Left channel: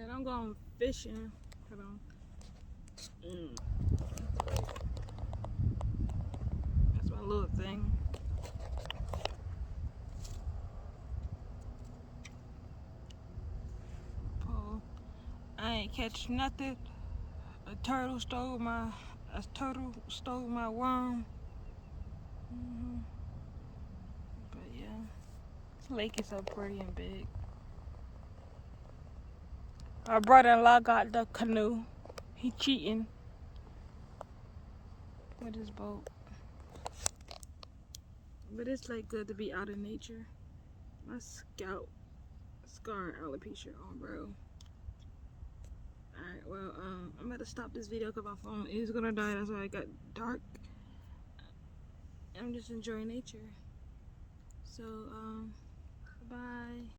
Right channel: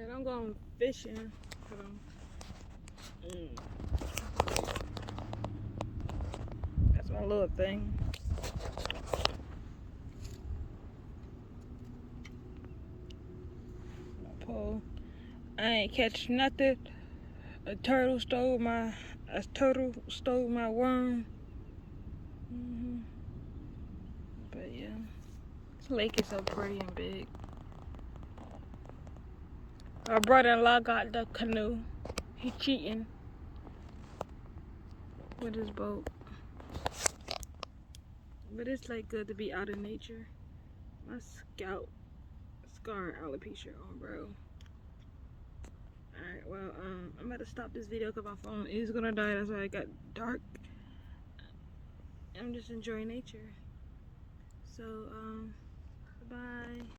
And I'm going fishing. Hold on. That's my little thing. My pole. I ain't catch nothing. A turtle stole my worm. But yeah, this lake is so pretty and big. Our brother-in-law got the canoe. He cheating with his boat. But it's like good to be out in nature. My scalp scar alopecia on, bro. Alright, well, I'm about to stop this video because my phone is gonna die. That's why it got dark. I'm just enjoying nature. So, bye.